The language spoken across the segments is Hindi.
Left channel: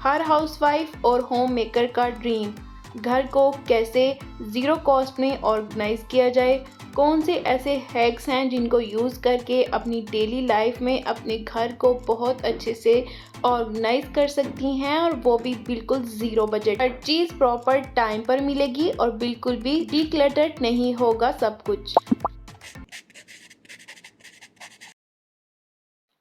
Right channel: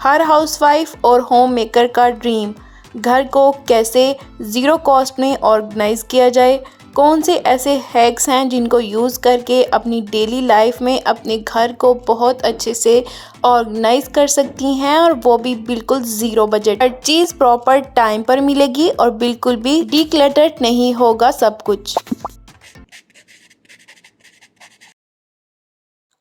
हर हाउसवाइफ और होम मेकर का ड्रीम, घर को कैसे ज़ीरो कॉस्ट में ऑर्गेनाइज़ किया जाए। कौन से ऐसे हैक्स हैं जिनको यूज़ करके अपनी डेली लाइफ में अपने घर को बहुत अच्छे से ऑर्गेनाइज़ कर सकती हैं, और वो भी बिल्कुल ज़ीरो बजट। हर चीज़ प्रॉपर टाइम पर मिलेगी और बिल्कुल भी डीक्लटर्ड नहीं होगा सब कुछ।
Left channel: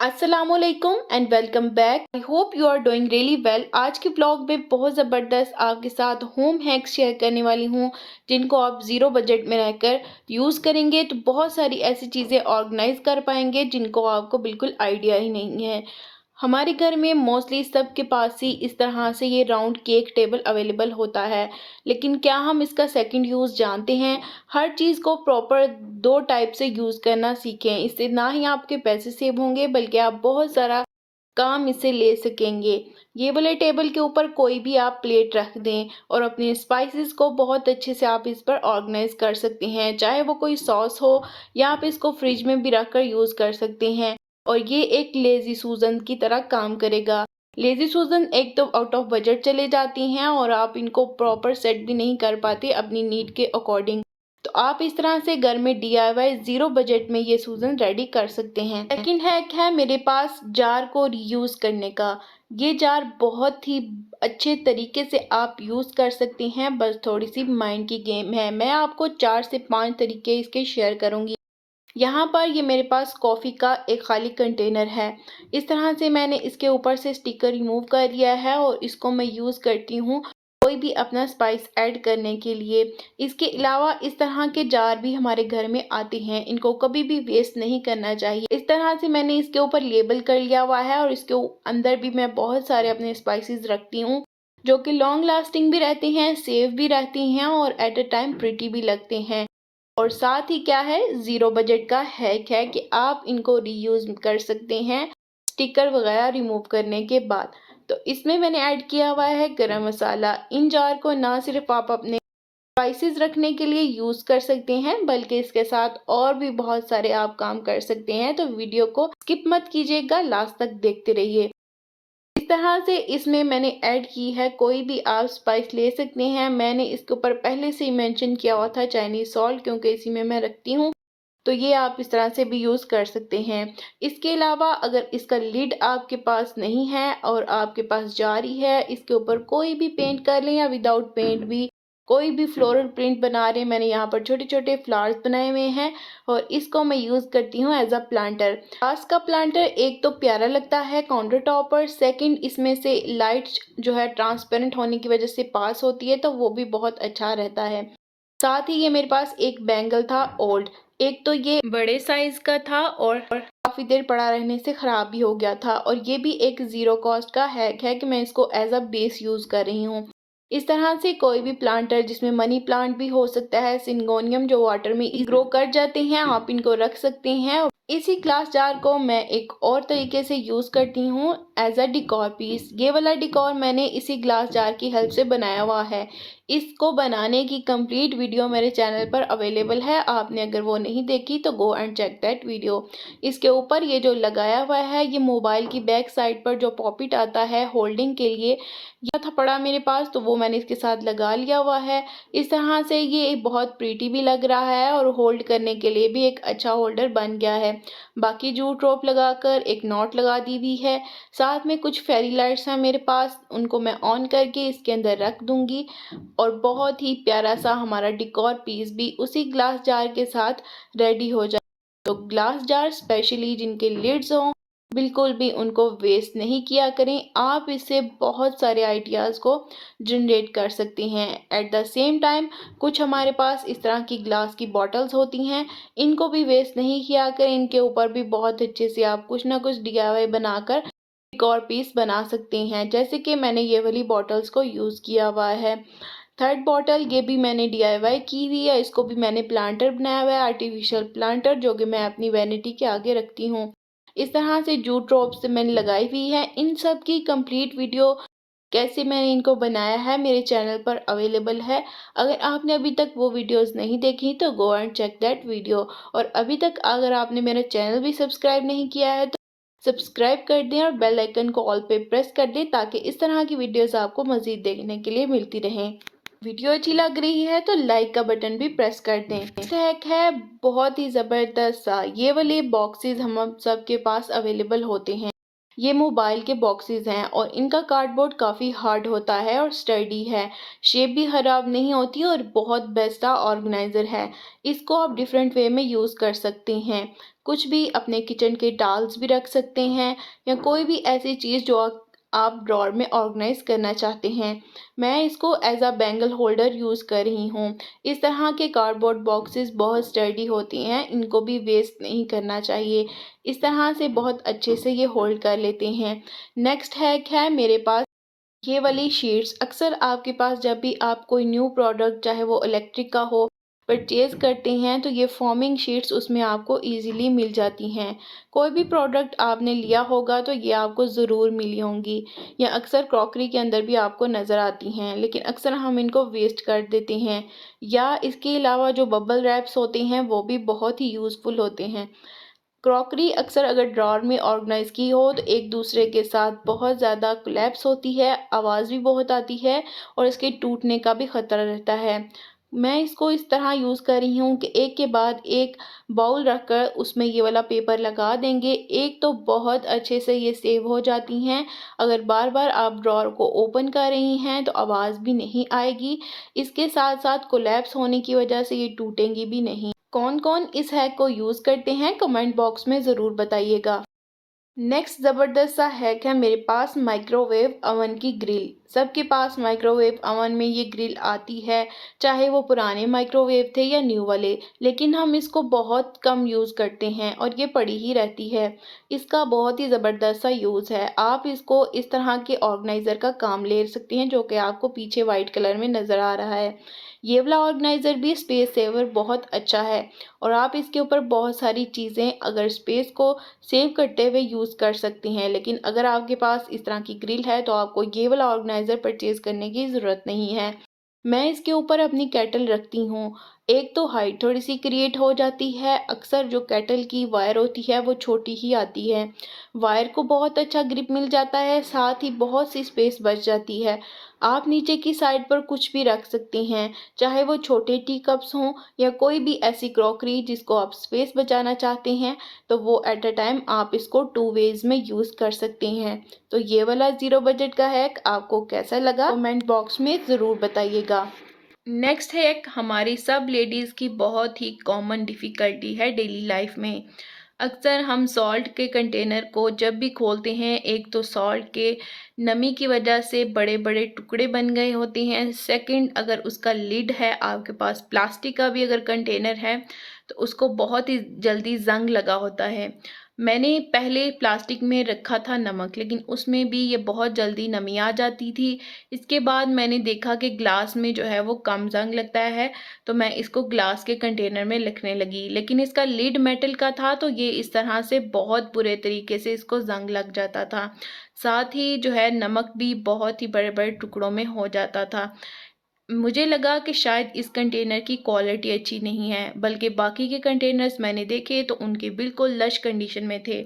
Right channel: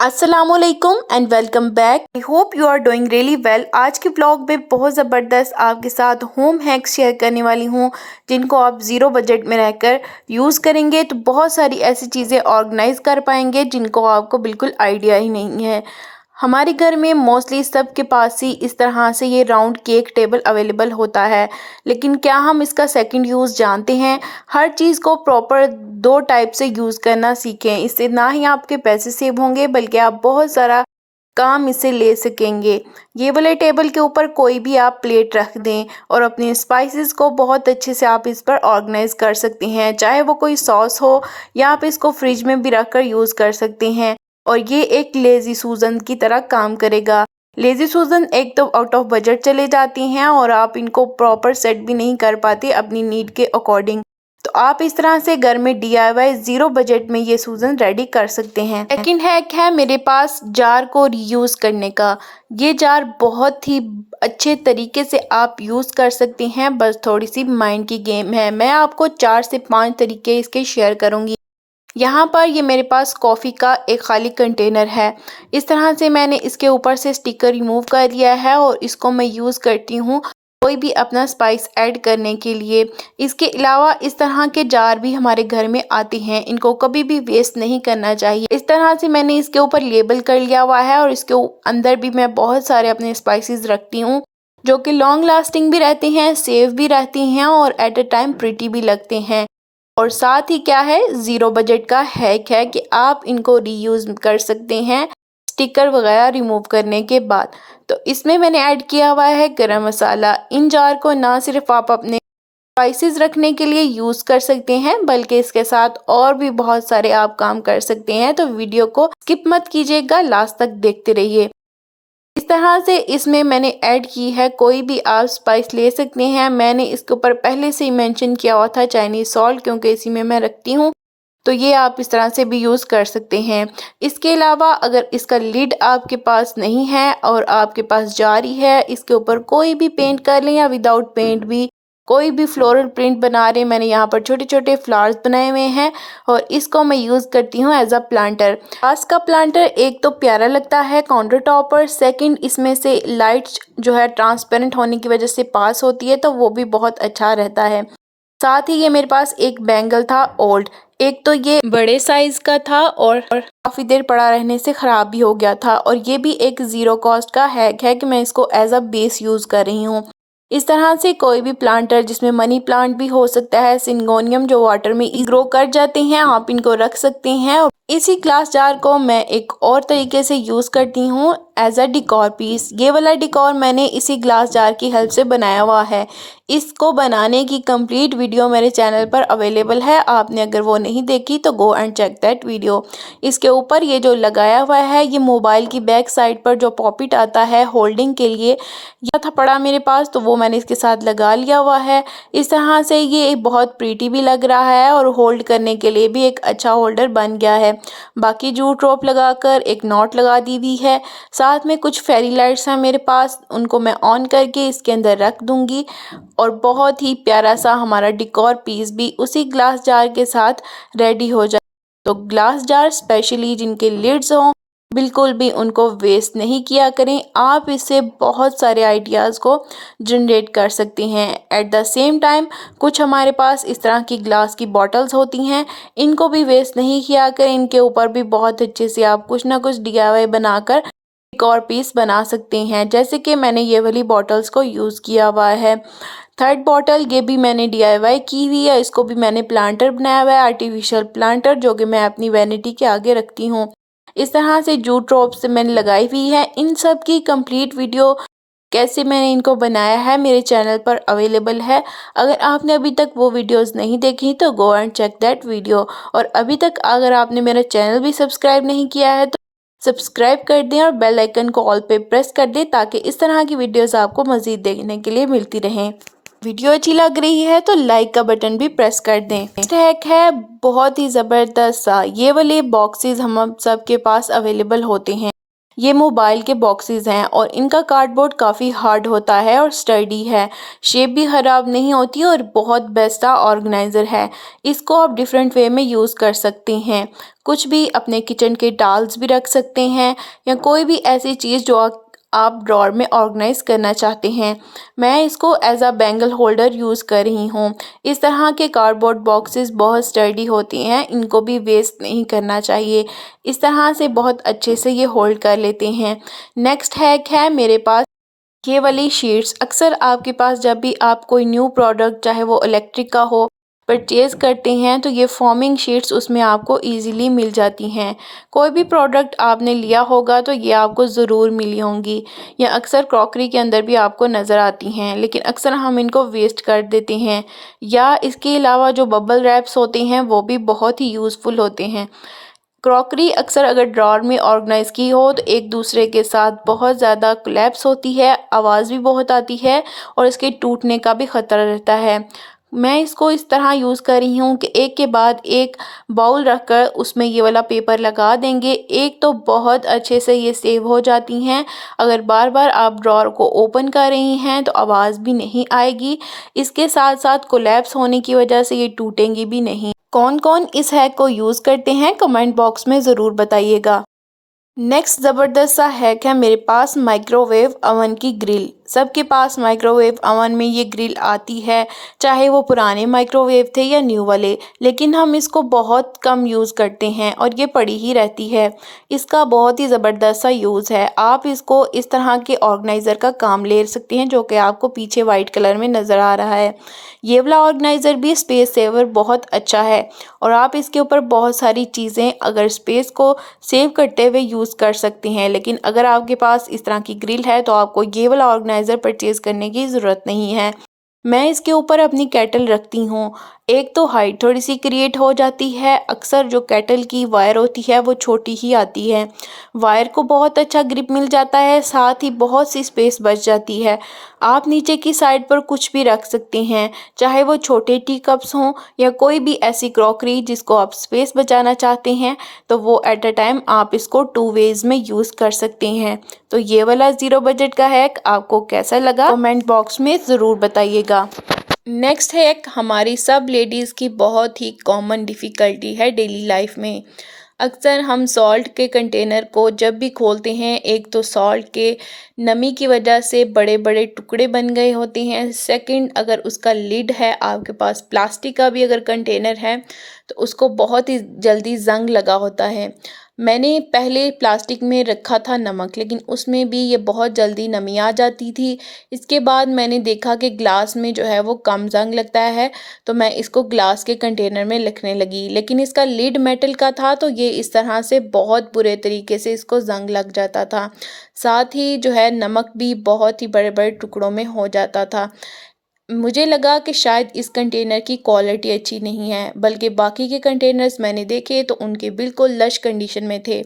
अस्सलामुअलैकुम and welcome back. I hope you are doing really well. आज के ब्लॉग में बहुत ज़बरदस्त आपके साथ होम हैक्स शेयर करने वाली हूँ जिनको आप ज़ीरो बजट में रहकर यूज़ करेंगे तो बहुत सारी ऐसी चीज़ें ऑर्गेनाइज कर पाएंगे जिनको आपको बिल्कुल आइडिया ही नहीं है। हमारे घर में मोस्टली सबके पास ही इस तरह से ये राउंड केक टेबल अवेलेबल होता है, लेकिन क्या हम इसका सेकंड यूज़ जानते हैं? हर चीज़ को प्रॉपर दो टाइप से यूज़ करना सीखें। इससे ना ही आपके पैसे सेव होंगे बल्कि आप बहुत सारा काम इससे ले सकेंगे। ये वाले टेबल के ऊपर कोई भी आप प्लेट रख दें और अपनी स्पाइसेस को बहुत अच्छे से आप इस पर ऑर्गेनाइज कर सकते हैं, चाहे वो कोई सॉस हो या आप इसको फ्रिज में भी रख कर यूज़ कर सकते हैं। और ये एक लेज़ी सूजन की तरह काम करेगा। लेज़ी सूजन एक तो आउट ऑफ बजट चले जाती हैं और आप इनको प्रॉपर सेट भी नहीं कर पाते अपनी नीड के अकॉर्डिंग। तो आप इस तरह से घर में DIY ज़ीरो बजट में ये सूजन रेडी कर सकते हैं। सेकंड हैक है मेरे पास जार को रीयूज़ करने का। ये जार बहुत ही अच्छे तरीके से आप यूज़ कर सकते हैं, बस थोड़ी सी माइंड की गेम है। मैं आपको 4 से 5 तरीके इसके शेयर करूँगी। यहाँ पर ये मेरे पास कॉफ़ी का एक खाली कंटेनर है। इस तरह से मैंने इसके ऊपर से स्टिकर रिमूव कर लिया है और इसको मैं यूज़ करती हूँ कोई भी अपना स्पाइस ऐड करने के लिए। इसके अलावा इस तरह के जार भी हमारे घर में आते हैं, इनको कभी भी वेस्ट नहीं करना चाहिए। इस तरह से मैंने इसके ऊपर लेबल कर लिया हुआ है और इसके अंदर भी मैं बहुत सारे अपने स्पाइसेस रखती हूँ जो कि लॉन्ग लास्टिंग भी रहती हैं, सेफ भी रहती हैं और एट अ टाइम प्रिटी भी लगते हैं। और साथ ही क्या है, ज़ीरो बजट का हैक है कि आप इनको रीयूज़ कर सकते हैं स्टिकर वगैरह रिमूव करने के बाद। तो इसमें मैंने ऐड किया हुआ है गरम मसाला। इन जार को ना सिर्फ आप अपने स्पाइसेस रखने के लिए यूज़ कर सकते हैं बल्कि इसके साथ और भी बहुत सारे आप काम कर सकते हैं। तो वीडियो को स्किप मत कीजिएगा, लास्ट तक देखते रहिए। इस तरह से इसमें मैंने ऐड की है कोई भी आप स्पाइस ले सकते हैं। मैंने इसके ऊपर पहले से ही मेंशन किया हुआ था चाइनीज़ सॉल्ट, क्योंकि इसी में मैं रखती हूँ, तो ये आप इस तरह से भी यूज़ कर सकते हैं। इसके अलावा अगर इसका लिड आपके पास नहीं है और आपके पास जार ही है, इसके ऊपर कोई भी पेंट कर लें या विदाउट पेंट भी कोई भी फ्लोरल प्रिंट बना रहे हैं। मैंने यहाँ पर छोटे छोटे फ्लावर्स बनाए हुए हैं और इसको मैं यूज़ करती हूँ एज अ प्लांटर। पास का प्लांटर एक तो प्यारा लगता है काउंटर टॉप पर, सेकंड इसमें से लाइट जो है ट्रांसपेरेंट होने की वजह से पास होती है, तो वो भी बहुत अच्छा रहता है। साथ ही ये मेरे पास एक बैंगल था ओल्ड। एक तो ये बड़े साइज का था और काफ़ी देर पड़ा रहने से ख़राब भी हो गया था, और ये भी एक ज़ीरो कॉस्ट का हैक है कि मैं इसको एज अ बेस यूज़ कर रही हूँ। इस तरह से कोई भी प्लांटर, जिसमें मनी प्लांट भी हो सकता है, सिंगोनियम जो वाटर में ग्रो कर जाते हैं, आप इनको रख सकते हैं। और इसी ग्लास जार को मैं एक और तरीके से यूज़ करती हूँ एज अ डिकोर पीस। ये वाला डिकोर मैंने इसी ग्लास जार की हेल्प से बनाया हुआ है। इसको बनाने की कंप्लीट वीडियो मेरे चैनल पर अवेलेबल है, आपने अगर वो नहीं देखी तो go and check that video. इसके ऊपर ये जो लगाया हुआ है, ये मोबाइल की बैक साइड पर जो पॉकेट आता है होल्डिंग के लिए, यह था पड़ा मेरे पास, तो वो मैंने इसके साथ लगा लिया हुआ है। इस तरह से ये बहुत प्रीटी भी लग रहा है और होल्ड करने के लिए भी एक अच्छा होल्डर बन गया है। बाकी जूट रोप लगाकर एक नॉट लगा दी हुई है। साथ में कुछ फेरी लाइट्स हैं मेरे पास, उनको मैं ऑन करके इसके अंदर रख दूंगी और बहुत ही प्यारा सा हमारा डिकोर पीस भी उसी ग्लास जार के साथ रेडी हो जाए। तो ग्लास जार स्पेशली जिनके लिड्स हों, बिल्कुल भी उनको वेस्ट नहीं किया करें। आप इससे बहुत सारे आइडियाज़ को जनरेट कर सकते हैं। एट द सेम टाइम कुछ हमारे पास इस तरह की ग्लास की बॉटल्स होती हैं, इनको भी वेस्ट नहीं किया करें। इनके ऊपर भी बहुत अच्छे से आप कुछ ना कुछ DIY बनाकर एक और पीस बना सकते हैं, जैसे कि मैंने ये वाली बॉटल्स को यूज़ किया हुआ है। थर्ड बॉटल, ये भी मैंने DIY की हुई है। इसको भी मैंने प्लांटर बनाया हुआ है, आर्टिफिशियल प्लांटर, जो कि मैं अपनी वैनिटी के आगे रखती हूँ। इस तरह से जूट रोप से मैंने लगाई हुई है। इन सब की कंप्लीट वीडियो कैसे मैंने इनको बनाया है मेरे चैनल पर अवेलेबल है। अगर आपने अभी तक वो वीडियोस नहीं देखी तो go and check that video. और अभी तक अगर आपने मेरा चैनल भी सब्सक्राइब नहीं किया है तो सब्सक्राइब कर दें और बेल आइकन को ऑल पे प्रेस कर दें ताकि इस तरह की वीडियोस आपको मज़ीद देखने के लिए मिलती रहें। वीडियो अच्छी लग रही है तो लाइक का बटन भी प्रेस कर दें। नेक्स्ट हैक है बहुत ही ज़बरदस्त सा, ये वाले बॉक्सेस हम सब के पास अवेलेबल होते हैं। ये मोबाइल के बॉक्सेस हैं और इनका कार्डबोर्ड काफ़ी हार्ड होता है और स्टर्डी है, शेप भी ख़राब नहीं होती और बहुत बेस्ट ऑर्गेनाइज़र है। इसको आप डिफरेंट वे में यूज़ कर सकते हैं, कुछ भी अपने किचन के टाल्स भी रख सकते हैं या कोई भी ऐसी चीज़ जो आप ड्रॉर में ऑर्गेनाइज करना चाहते हैं। मैं इसको as a bangle holder use कर रही हूँ। इस तरह के कार्डबोर्ड बॉक्सेस बहुत स्टर्डी होती हैं, इनको भी वेस्ट नहीं करना चाहिए। इस तरह से बहुत अच्छे से ये होल्ड कर लेते हैं। नेक्स्ट हैक है मेरे पास ये वाली शीट्स। अक्सर आपके पास जब भी आप कोई न्यू प्रोडक्ट चाहे वो इलेक्ट्रिक का हो परचेज़ करते हैं तो ये फॉर्मिंग शीट्स उसमें आपको इजीली मिल जाती हैं। कोई भी प्रोडक्ट आपने लिया होगा तो ये आपको ज़रूर मिली होंगी या अक्सर क्रॉकरी के अंदर भी आपको नज़र आती हैं, लेकिन अक्सर हम इनको वेस्ट कर देते हैं। या इसके अलावा जो बबल रैप्स होते हैं वो भी बहुत ही यूज़फुल होते हैं। क्रॉकरी अक्सर अगर ड्रॉर में ऑर्गेनाइज़ की हो तो एक दूसरे के साथ बहुत ज़्यादा कोलैप्स होती है, आवाज़ भी बहुत आती है और इसके टूटने का भी ख़तरा रहता है। मैं इसको इस तरह यूज़ कर रही हूँ कि एक के बाद एक बाउल रखकर उसमें ये वाला पेपर लगा देंगे, एक तो बहुत अच्छे से ये सेव हो जाती हैं। अगर बार बार आप ड्रॉर को ओपन कर रही हैं तो आवाज़ भी नहीं आएगी, इसके साथ साथ कोलैप्स होने की वजह से ये टूटेंगी भी नहीं। कौन कौन इस हैक को यूज़ करते हैं कमेंट बॉक्स में ज़रूर बताइएगा। नेक्स्ट ज़बरदस्त सा हैक है मेरे पास माइक्रोवेव अवन की ग्रिल। सबके पास माइक्रोवेव अवन में ये ग्रिल आती है, चाहे वो पुराने माइक्रोवेव थे या न्यू वाले, लेकिन हम इसको बहुत कम यूज़ करते हैं और ये पड़ी ही रहती है। इसका बहुत ही ज़बरदस्त सा यूज़ है। आप इसको इस तरह के ऑर्गेनाइज़र का काम ले सकते हैं जो कि आपको पीछे वाइट कलर में नज़र आ रहा है। ये वाला ऑर्गेनाइज़र भी स्पेस सेवर बहुत अच्छा है और आप इसके ऊपर बहुत सारी चीज़ें अगर स्पेस को सेव करते हुए यूज़ कर सकते हैं। लेकिन अगर आपके पास इस तरह की ग्रिल है तो आपको ये वाला ऑर्गेनाइज़र परचेज़ करने की ज़रूरत नहीं है। मैं इसके ऊपर अपनी केटल रखती हूँ। एक तो हाइट थोड़ी सी क्रिएट हो जाती है, अक्सर जो केटल की वायर होती है वो छोटी ही आती है, वायर को बहुत अच्छा ग्रिप मिल जाता है, साथ ही बहुत सी स्पेस बच जाती है। आप नीचे की साइड पर कुछ भी रख सकते हैं, चाहे वो छोटे टी कप्स हों या कोई भी ऐसी क्रॉकरी जिसको आप स्पेस बचाना चाहते हैं, तो वो एट अ टाइम आप इसको टू वेज़ में यूज़ कर सकते हैं। तो ये वाला ज़ीरो बजट का हैक आपको कैसा लगा कमेंट बॉक्स में ज़रूर बताइएगा। नेक्स्ट हैक हमारी सब लेडीज़ की बहुत ही कॉमन डिफ़िकल्टी है डेली लाइफ में। अक्सर हम सॉल्ट के कंटेनर को जब भी खोलते हैं, एक तो सॉल्ट के नमी की वजह से बड़े बड़े टुकड़े बन गए होते हैं। सेकंड, अगर उसका लिड है आपके पास प्लास्टिक का भी अगर कंटेनर है तो उसको बहुत ही जल्दी ज़ंग लगा होता है। मैंने पहले प्लास्टिक में रखा था नमक, लेकिन उसमें भी ये बहुत जल्दी नमी आ जाती थी। इसके बाद मैंने देखा कि ग्लास में जो है वो कम ज़ंग लगता है, तो मैं इसको ग्लास के कंटेनर में रखने लगी। लेकिन इसका लिड मेटल का था तो ये इस तरह से बहुत बुरे तरीके से इसको ज़ंग लग जाता था। साथ ही जो है नमक भी बहुत ही बड़े बड़े टुकड़ों में हो जाता था। मुझे लगा कि शायद इस कंटेनर की क्वालिटी अच्छी नहीं है, बल्कि बाकी के कंटेनर्स मैंने देखे तो उनके बिल्कुल लश कंडीशन में थे।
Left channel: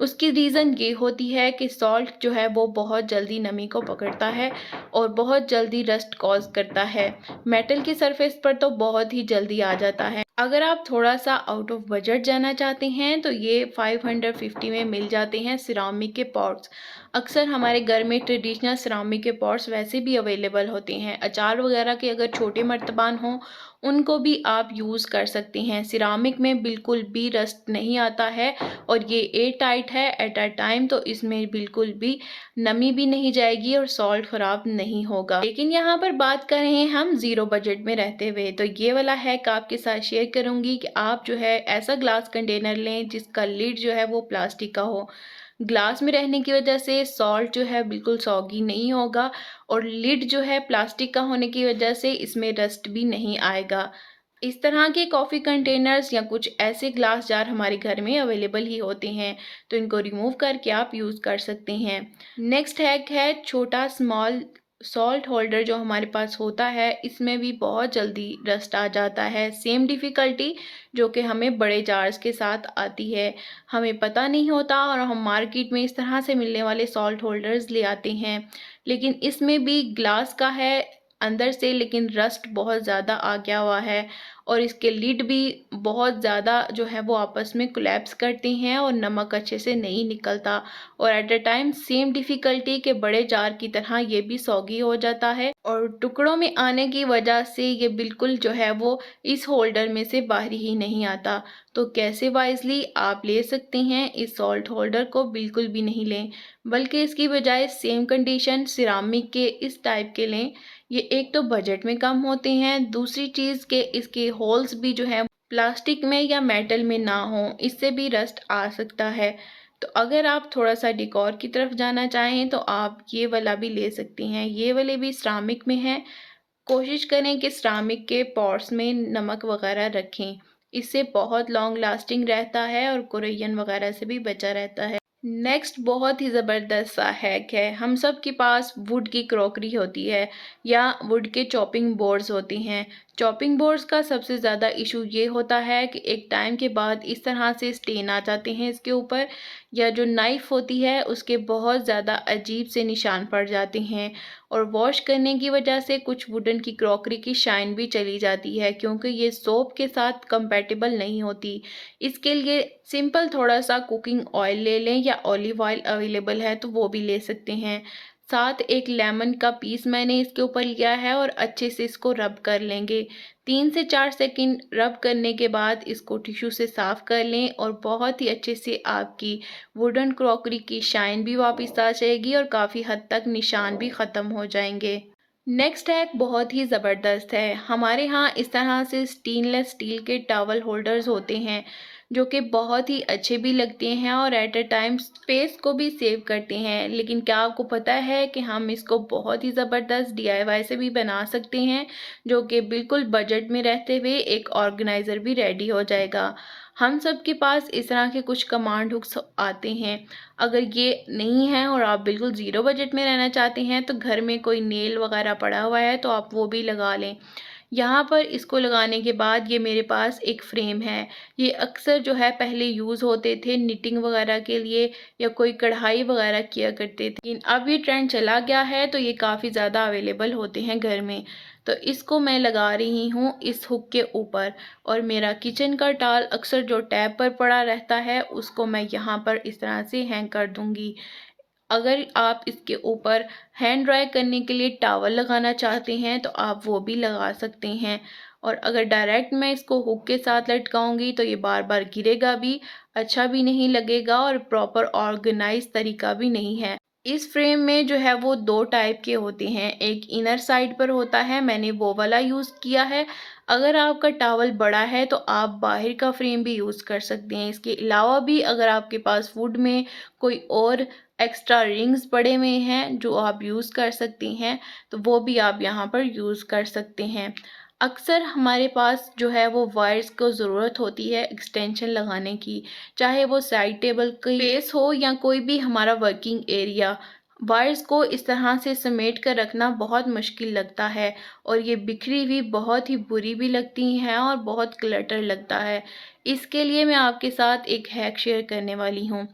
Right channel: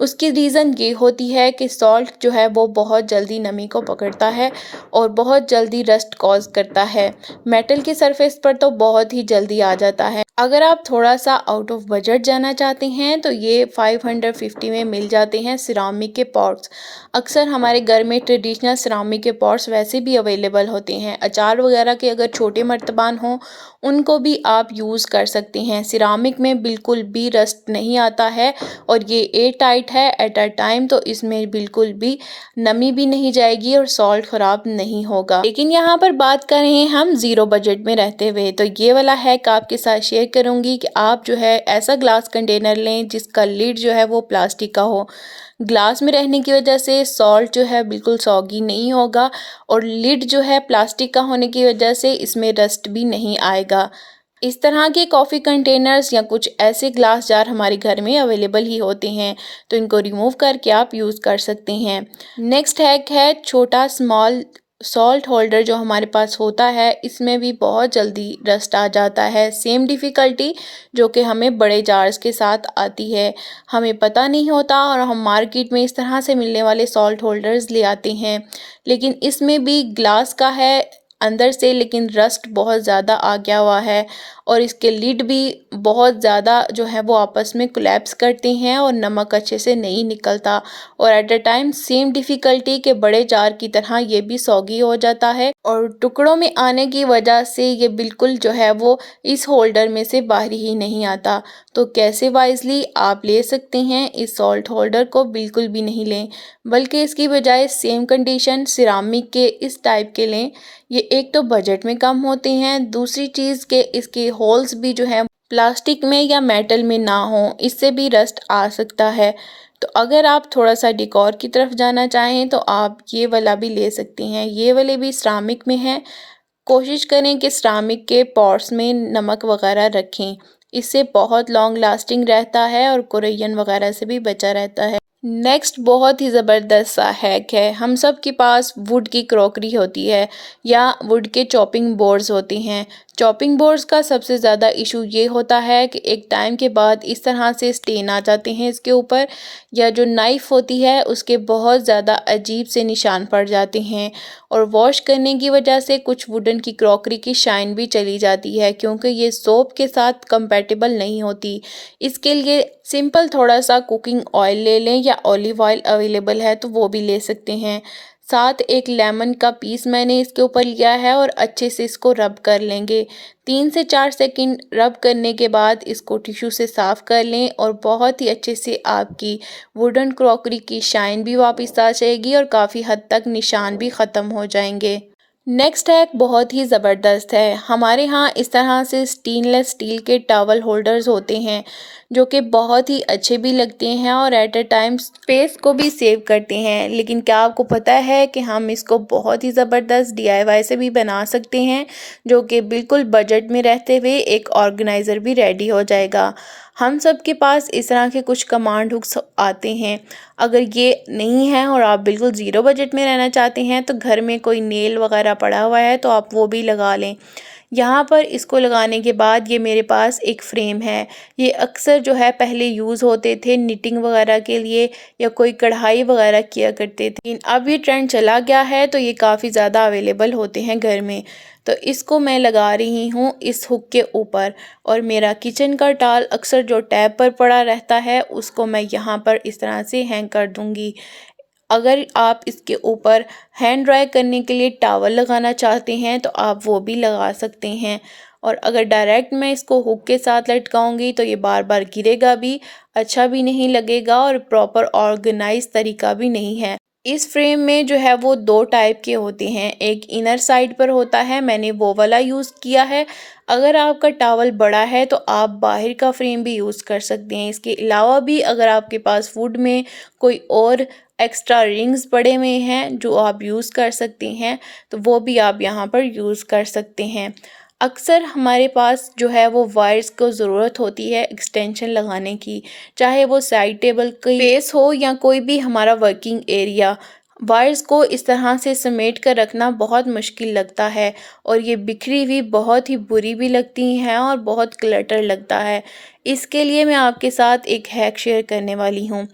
उसकी रीज़न ये होती है कि सॉल्ट जो है वो बहुत जल्दी नमी को पकड़ता है और बहुत जल्दी रस्ट कॉज करता है। मेटल की सरफेस पर तो बहुत ही जल्दी आ जाता है। अगर आप थोड़ा सा आउट ऑफ बजट जाना चाहते हैं तो ये 550 में मिल जाते हैं सिरामिक के पॉट्स। अक्सर हमारे घर में ट्रेडिशनल सिरामिक के पॉट्स वैसे भी अवेलेबल होते हैं। अचार वगैरह के अगर छोटे मर्तबान हों उनको भी आप यूज़ कर सकते हैं। सिरामिक में बिल्कुल भी रस्ट नहीं आता है और ये एयर टाइट है एट अ टाइम, तो इसमें बिल्कुल भी नमी भी नहीं जाएगी और सॉल्ट ख़राब नहीं होगा। लेकिन यहाँ पर बात कर रहे हैं हम ज़ीरो बजट में रहते हुए, तो ये वाला हैक आपके साथ शेयर करूँगी कि आप जो है ऐसा ग्लास कंटेनर लें जिसका लिड जो है वो प्लास्टिक का हो। ग्लास में रहने की वजह से सॉल्ट जो है बिल्कुल सॉगी नहीं होगा और लिड जो है प्लास्टिक का होने की वजह से इसमें रस्ट भी नहीं आएगा। इस तरह के कॉफ़ी कंटेनर्स या कुछ ऐसे ग्लास जार हमारे घर में अवेलेबल ही होते हैं, तो इनको रिमूव करके आप यूज़ कर सकते हैं। नेक्स्ट हैक है छोटा स्मॉल सॉल्ट होल्डर जो हमारे पास होता है इसमें भी बहुत जल्दी रस्ट आ जाता है। सेम डिफ़िकल्टी जो कि हमें बड़े जार्स के साथ आती है, हमें पता नहीं होता और हम मार्केट में इस तरह से मिलने वाले सॉल्ट होल्डर्स ले आते हैं। लेकिन इसमें भी ग्लास का है अंदर से, लेकिन रस्ट बहुत ज़्यादा आ गया हुआ है और इसके लिड भी बहुत ज़्यादा जो है वो आपस में कोलैप्स करते हैं और नमक अच्छे से नहीं निकलता। और at a time same difficulty के बड़े जार की तरह ये भी सौगी हो जाता है और टुकड़ों में आने की वजह से ये बिल्कुल जो है वो इस होल्डर में से बाहर ही नहीं आता। तो कैसे वाइजली आप ले सकते हैं इस सॉल्ट होल्डर को, बिल्कुल भी नहीं लें, बल्कि इसकी बजाय सेम कंडीशन सिरामिक के इस टाइप के लें। ये एक तो बजट में कम होते हैं, दूसरी चीज़ के इसके होल्स भी जो है प्लास्टिक में या मेटल में ना हो, इससे भी रस्ट आ सकता है। तो अगर आप थोड़ा सा डेकोर की तरफ जाना चाहें तो आप ये वाला भी ले सकती हैं। ये वाले भी सिरामिक में हैं। कोशिश करें कि सिरामिक के पॉट्स में नमक वगैरह रखें, इससे बहुत लॉन्ग लास्टिंग रहता है और कोरियन वगैरह से भी बचा रहता है। नेक्स्ट बहुत ही ज़बरदस्त सा हैक है। हम सब के पास वुड की क्रॉकरी होती है या वुड के चॉपिंग बोर्ड्स होते हैं। चॉपिंग बोर्ड्स का सबसे ज़्यादा इशू ये होता है कि एक टाइम के बाद इस तरह से स्टेन आ जाते हैं इसके ऊपर, या जो नाइफ़ होती है उसके बहुत ज़्यादा अजीब से निशान पड़ जाते हैं और वॉश करने की वजह से कुछ वुडन की क्रॉकरी की शाइन भी चली जाती है, क्योंकि ये सोप के साथ कंपैटिबल नहीं होती। इसके लिए सिंपल थोड़ा सा कुकिंग ऑयल ले लें या ऑलिव ऑयल अवेलेबल है तो वो भी ले सकते हैं। साथ एक लेमन का पीस मैंने इसके ऊपर लिया है और अच्छे से इसको रब कर लेंगे। 3 से 4 सेकंड रब करने के बाद इसको टिश्यू से साफ़ कर लें और बहुत ही अच्छे से आपकी वुडन क्रॉकरी की शाइन भी वापस आ जाएगी और काफ़ी हद तक निशान भी ख़त्म हो जाएंगे। नेक्स्ट हैक बहुत ही ज़बरदस्त है। हमारे यहाँ इस तरह से स्टेनलेस स्टील के टॉवल होल्डर्स होते हैं जो कि बहुत ही अच्छे भी लगते हैं और एट अ टाइम स्पेस को भी सेव करते हैं। लेकिन क्या आपको पता है कि हम इसको बहुत ही ज़बरदस्त डीआईवाई से भी बना सकते हैं, जो कि बिल्कुल बजट में रहते हुए एक ऑर्गेनाइज़र भी रेडी हो जाएगा। हम सब के पास इस तरह के कुछ कमांड हुक्स आते हैं। अगर ये नहीं है और आप बिल्कुल ज़ीरो बजट में रहना चाहते हैं तो घर में कोई नेल वगैरह पड़ा हुआ है तो आप वो भी लगा लें। यहाँ पर इसको लगाने के बाद ये मेरे पास एक फ़्रेम है। ये अक्सर जो है पहले यूज़ होते थे निटिंग वगैरह के लिए या कोई कढ़ाई वगैरह किया करते थे, लेकिन अब ये ट्रेंड चला गया है तो ये काफ़ी ज़्यादा अवेलेबल होते हैं घर में। तो इसको मैं लगा रही हूँ इस हुक के ऊपर और मेरा किचन का टाल अक्सर जो टैब पर पड़ा रहता है उसको मैं यहाँ पर इस तरह से हैंग कर दूँगी। अगर आप इसके ऊपर हैंड ड्राई करने के लिए टॉवल लगाना चाहते हैं तो आप वो भी लगा सकते हैं। और अगर डायरेक्ट मैं इसको हुक के साथ लटकाऊंगी तो ये बार बार गिरेगा भी, अच्छा भी नहीं लगेगा और प्रॉपर ऑर्गेनाइज तरीका भी नहीं है। इस फ्रेम में जो है वो 2 टाइप के होते हैं, एक इनर साइड पर होता है, मैंने वो वाला यूज़ किया है। अगर आपका टॉवल बड़ा है तो आप बाहर का फ्रेम भी यूज़ कर सकते हैं। इसके अलावा भी अगर आपके पास वुड में कोई और एक्स्ट्रा रिंग्स पड़े हुए हैं जो आप यूज़ कर सकते हैं तो वो भी आप यहाँ पर यूज़ कर सकते हैं। अक्सर हमारे पास जो है वो वायर्स को ज़रूरत होती है एक्सटेंशन लगाने की, चाहे वो साइड टेबल की स्पेस हो या कोई भी हमारा वर्किंग एरिया। वायर्स को इस तरह से समेट कर रखना बहुत मुश्किल लगता है और ये बिखरी हुई बहुत ही बुरी भी लगती हैं और बहुत क्लटर लगता है। इसके लिए मैं आपके साथ एक हैक शेयर करने वाली हूँ।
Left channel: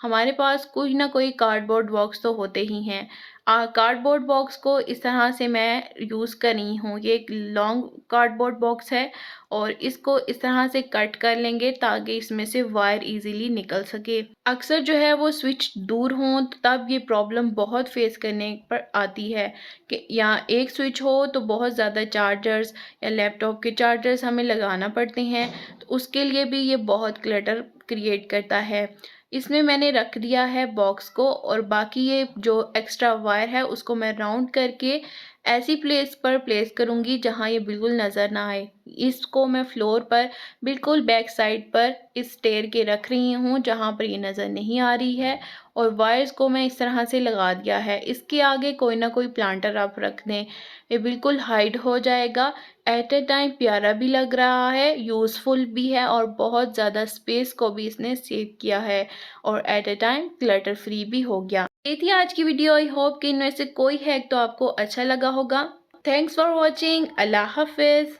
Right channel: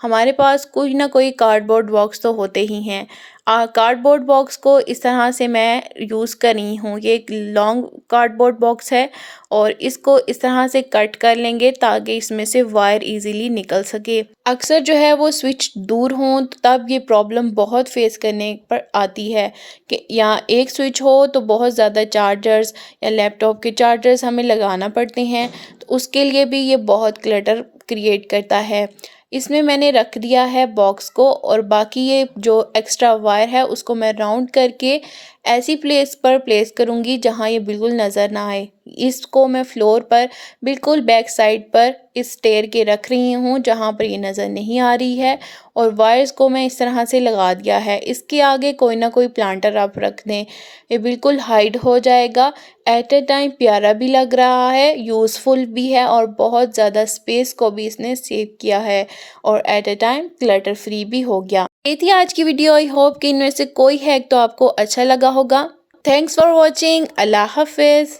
हमारे पास कोई ना कोई कार्डबोर्ड बॉक्स तो होते ही हैं। कार्डबोर्ड बॉक्स को इस तरह से मैं यूज़ कर रही हूँ। ये एक लॉन्ग कार्डबोर्ड बॉक्स है और इसको इस तरह से कट कर लेंगे ताकि इसमें से वायर इजीली निकल सके। अक्सर जो है वो स्विच दूर हों तो तब ये प्रॉब्लम बहुत फेस करने पर आती है कि यहाँ एक स्विच हो तो बहुत ज़्यादा चार्जर्स या लैपटॉप के चार्जर्स हमें लगाना पड़ते हैं, तो उसके लिए भी ये बहुत क्लटर क्रिएट करता है। इसमें मैंने रख दिया है बॉक्स को और बाकी ये जो एक्स्ट्रा वायर है उसको मैं राउंड करके ऐसी प्लेस पर प्लेस करूँगी जहाँ ये बिल्कुल नज़र ना आए। इसको मैं फ्लोर पर बिल्कुल बैक साइड पर इस स्टेयर के रख रही हूँ जहाँ पर ये नज़र नहीं आ रही है, और वायर्स को मैं इस तरह से लगा दिया है। इसके आगे कोई ना कोई प्लांटर आप रख दें, ये बिल्कुल हाइड हो जाएगा। एट ए टाइम प्यारा भी लग रहा है, यूज़फुल भी है, और बहुत ज़्यादा स्पेस को भी इसने सेव किया है, और at a time clutter free भी हो गया। ये थी आज की वीडियो। आई होप कि इनमें से कोई हैक तो आपको अच्छा लगा होगा। Thanks for watching. अल्लाह हाफिज़।